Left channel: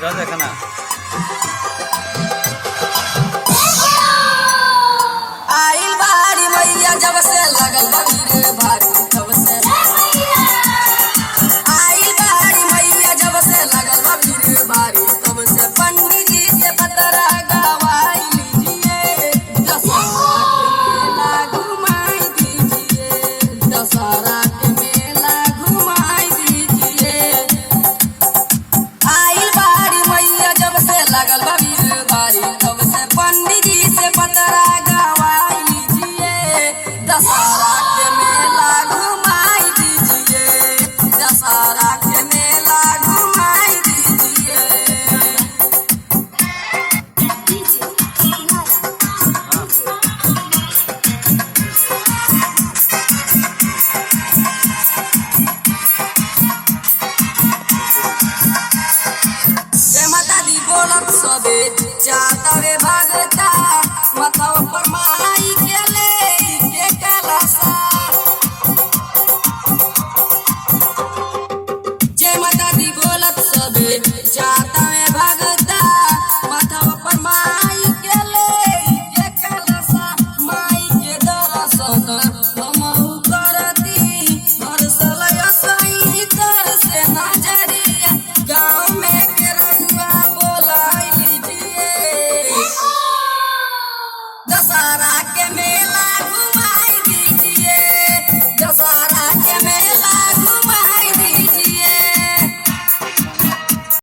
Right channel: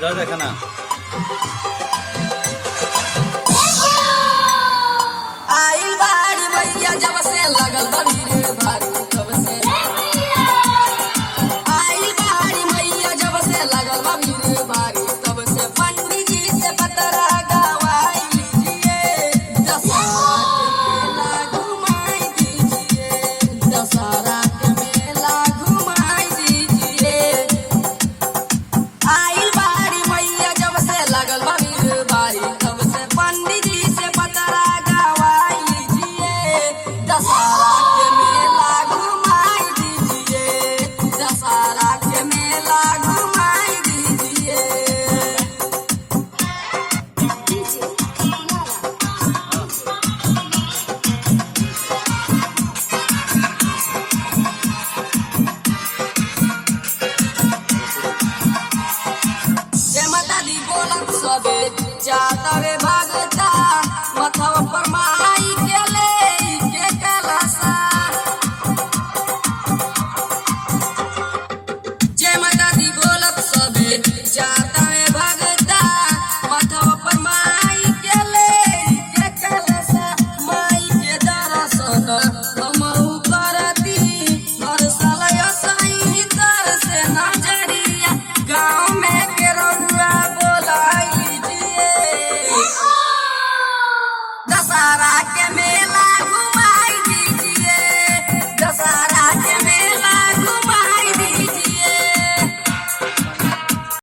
देखना आई बारी मैया जब से लगल बड़ी रे भारी तब से आई बारी मैया जब से लगल बड़ी रे भारी तब से पंडित जी से पतरा गवाई लीजिए दशहरा घुमाई दीजिए दशहरा के मेला घुमाई दीजिए आई बारी मैया जब से लगल बड़ी रे भारी तब से पंडित जी से पतरा गवाई लीजिए दशहरा के मेला घुमाई दीजिए दशहरा के मेला घुमाई दीजिए जय माता दी बोलत सबे चातरे भागता मथवा पर माई के ले के कलसा जय माता दी बोलत सबे चातरे भागता मथवा पर माई के ले के कलसा माई के दर्शन हमहु करती हर साल असई कर से नजरिया गाँव में के रंगा बोलाई लीजिए दशहरा के मेला